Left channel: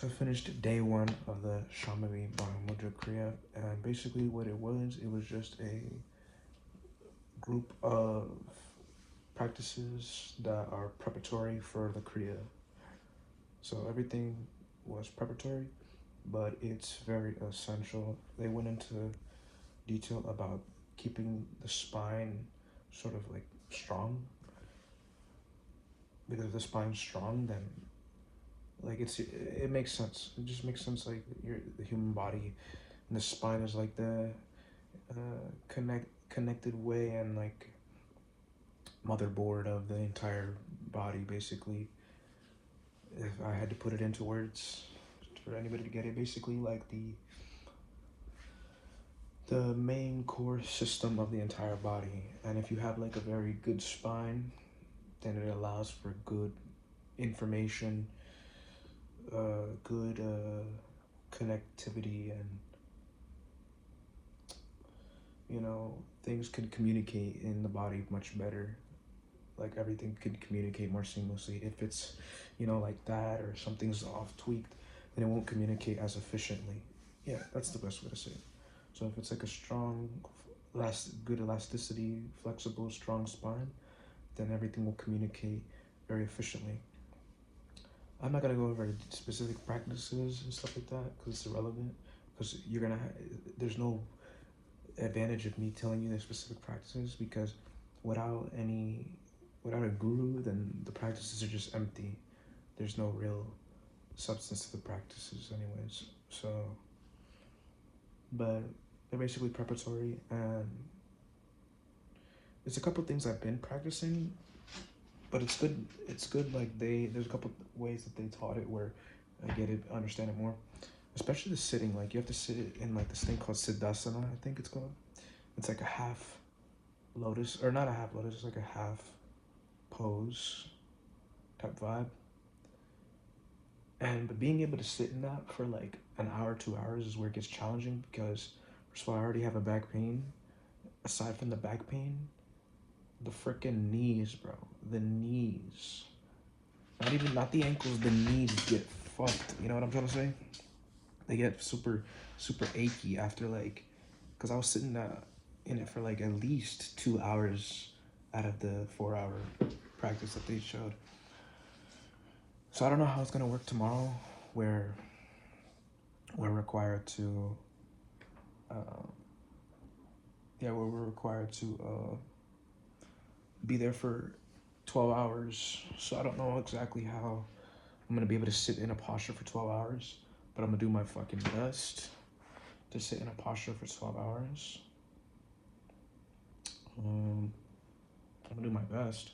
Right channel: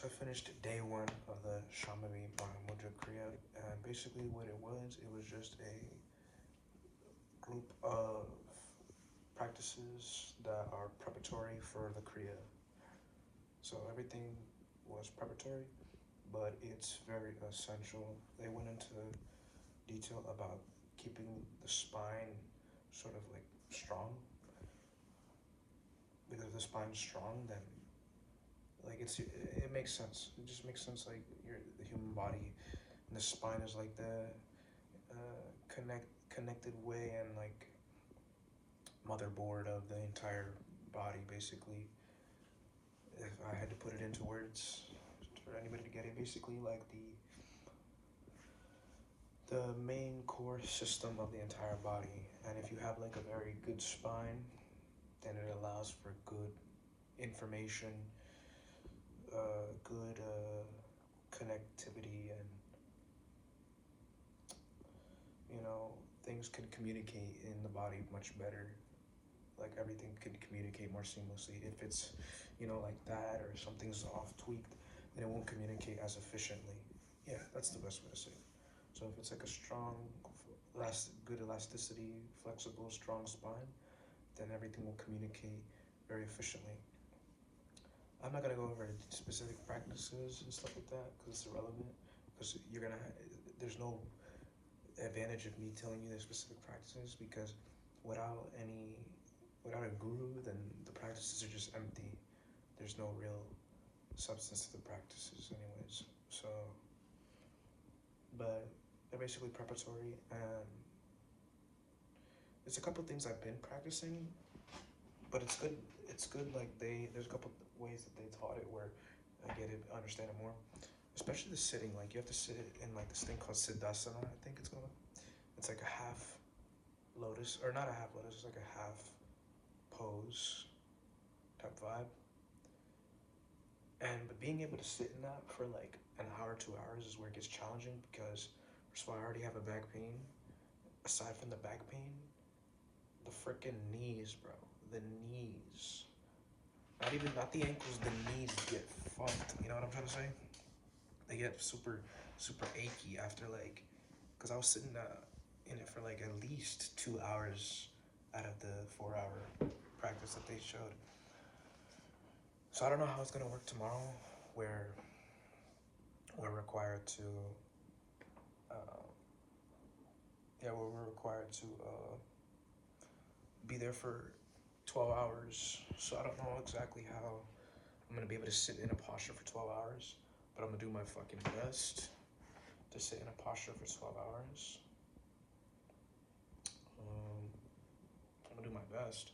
So I finished day one of the Shamami Mahamudra Kriya, and basically what it was just a group of practices that are preparatory for the Kriya. So everything was preparatory, but it's very essential. They went into detail about keeping the spine sort of like strong, because if the spine's strong, then like it makes sense. It just makes sense. Like the human body and the spine is like the connected way and like motherboard of the entire body. Basically, if I had to put it into words for anybody to get it, basically like the main core system of the entire body. And if you have like a very good spine, then it allows for good information, good connectivity, and things can communicate in the body much better. Like everything can communicate more seamlessly. If it's like that, or something's off tweaked, then it won't communicate as efficiently. Yeah, that's the best way to say it. So if it's like a strong, good elasticity, flexible, strong spine, then everything will communicate very efficiently. I'm not gonna go over specific practices and stuff like that because it's irrelevant. Because there's no advantage of me telling you the specific practices, because without a guru, then the practices are just empty. There's no real substance to the practices anyways. So, but they're basically preparatory, and there's a couple things I've been practicing, but it's good like there's a couple ways that they taught it where I get it, understand it more, especially the sitting. Like you have to sit it in like this thing called siddhasana, I think it's called. It's like a half lotus, or not a half lotus, it's like a half pose type vibe. And but being able to sit in that for like an hour, 2 hours is where it gets challenging, because first of all, I already have a back pain. Aside from the back pain, the freaking knees, bro. The knees. Not the ankles, the knees get fucked. You know what I'm trying to say? They get super, super achy after like, because I was sitting in it for like at least 2 hours out of the 4 hour practice that they showed. So I don't know how it's gonna work tomorrow, where we're required to, uh, we're required to be there for 12 hours. So I don't know exactly how I'm gonna be able to sit in a posture for 12 hours, but I'm gonna do my fucking best to sit in a posture for 12 hours. I'm gonna do my best.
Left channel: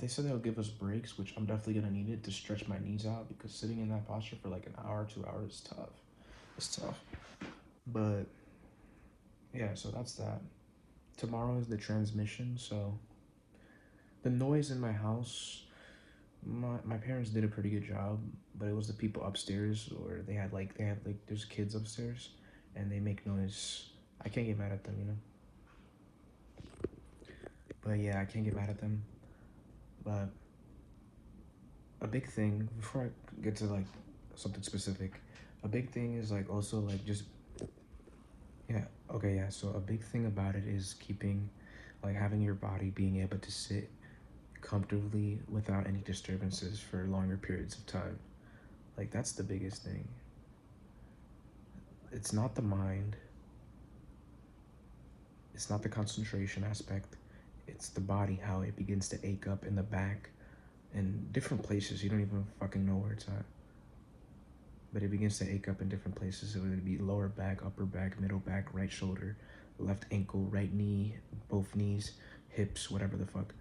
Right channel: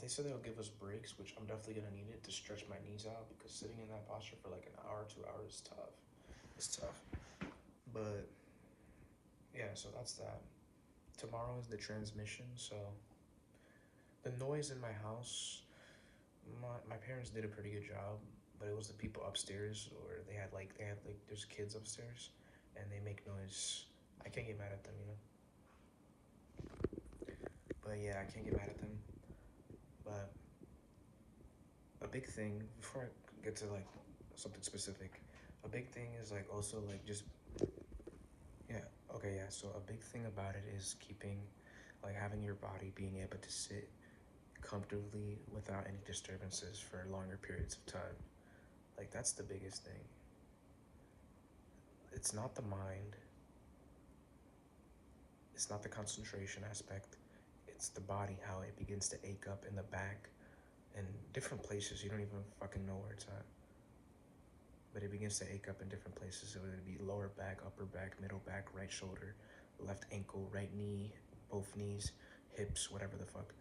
They said they'll give us breaks, which I'm definitely gonna need it to stretch my knees out, because sitting in that posture for like an hour, 2 hours is tough. It's tough. But yeah, so that's that. Tomorrow is the transmission, so the noise in my house, my parents did a pretty good job, but it was the people upstairs, or there's kids upstairs, and they make noise. I can't get mad at them, But yeah, I can't get mad at them. But a big thing, before I get to like something specific, a big thing is like also like just, yeah, okay, yeah. So a big thing about it is having your body being able to sit comfortably without any disturbances for longer periods of time. Like that's the biggest thing. It's not the mind, it's not the concentration aspect, it's the body, how it begins to ache up in the back and different places. You don't even fucking know where it's at, but it begins to ache up in different places. It would be lower back, upper back, middle back, right shoulder, left ankle, right knee, both knees, hips, whatever the fuck.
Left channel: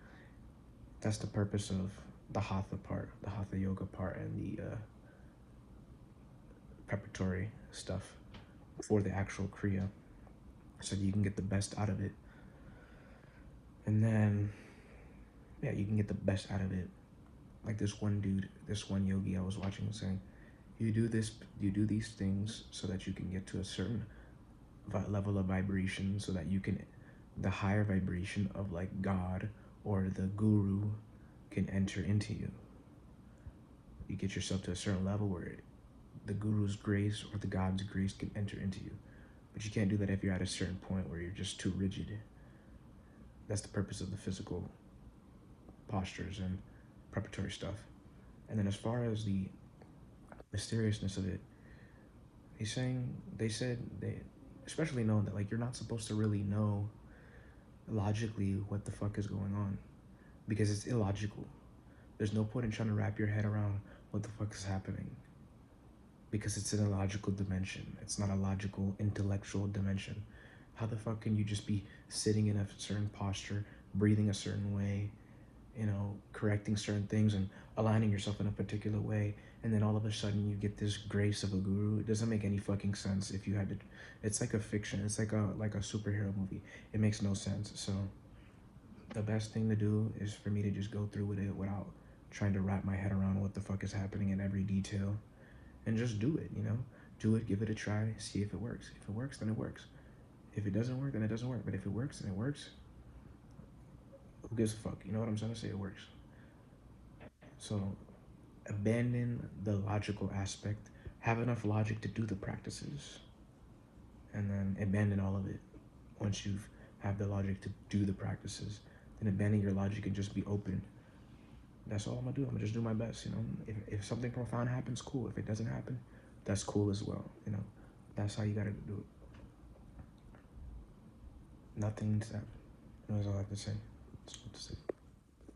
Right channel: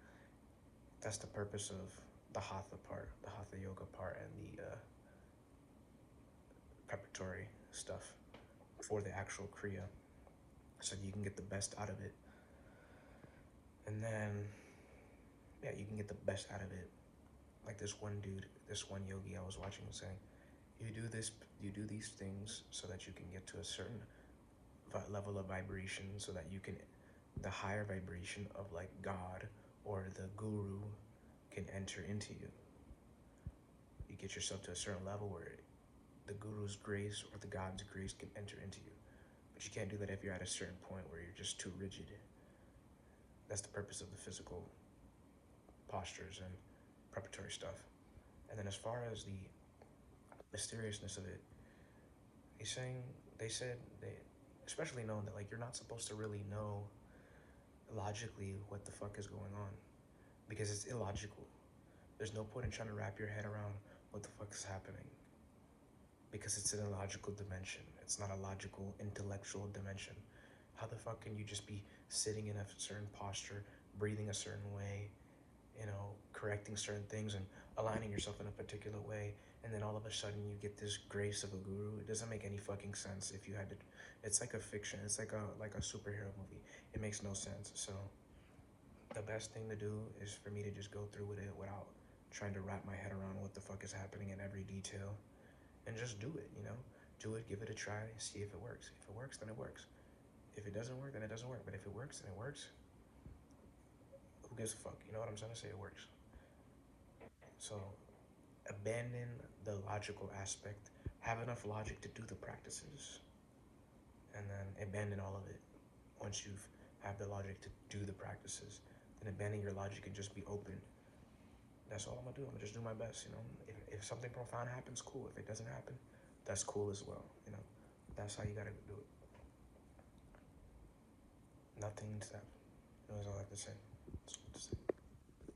That's the purpose of the hatha part, the hatha yoga part, and the preparatory stuff for the actual kriya, so you can get the best out of it. And then, yeah, you can get the best out of it. Like this one yogi I was watching was saying, you do these things so that you can get to a certain level of vibration, so that you can, the higher vibration of like God or the guru can enter into you. You get yourself to a certain level where the guru's grace or the God's grace can enter into you. But you can't do that if you're at a certain point where you're just too rigid. That's the purpose of the physical postures and preparatory stuff. And then as far as the mysteriousness of it, they said they especially know that like you're not supposed to really know logically what the fuck is going on because it's illogical. There's no point in trying to wrap your head around what the fuck is happening because it's an illogical dimension. It's not a logical, intellectual dimension. How the fuck can you just be sitting in a certain posture, breathing a certain way, correcting certain things and aligning yourself in a particular way, and then all of a sudden you get this grace of a guru? It doesn't make any fucking sense. If you had to, it's like a fiction. It's like a superhero movie. It makes no sense. So the best thing to do is for me to just go through with it without trying to wrap my head around what the fuck is happening in every detail, and just do it. Do it, give it a try, see if it works. If it works, then it works. If it doesn't work, then it doesn't work. But if it works, then it works. Who gives a fuck? You know what I'm trying to say? It works. So abandon the logical aspect. Have enough logic to do the practices, and then abandon all of it. Once you've have the logic to do the practices, then abandon your logic and just be open. That's all I'm gonna do. I'm gonna just do my best. If something profound happens, cool. If it doesn't happen, that's cool as well. That's how you gotta do it. Nothing to that. That's all I have to say. That's what to say.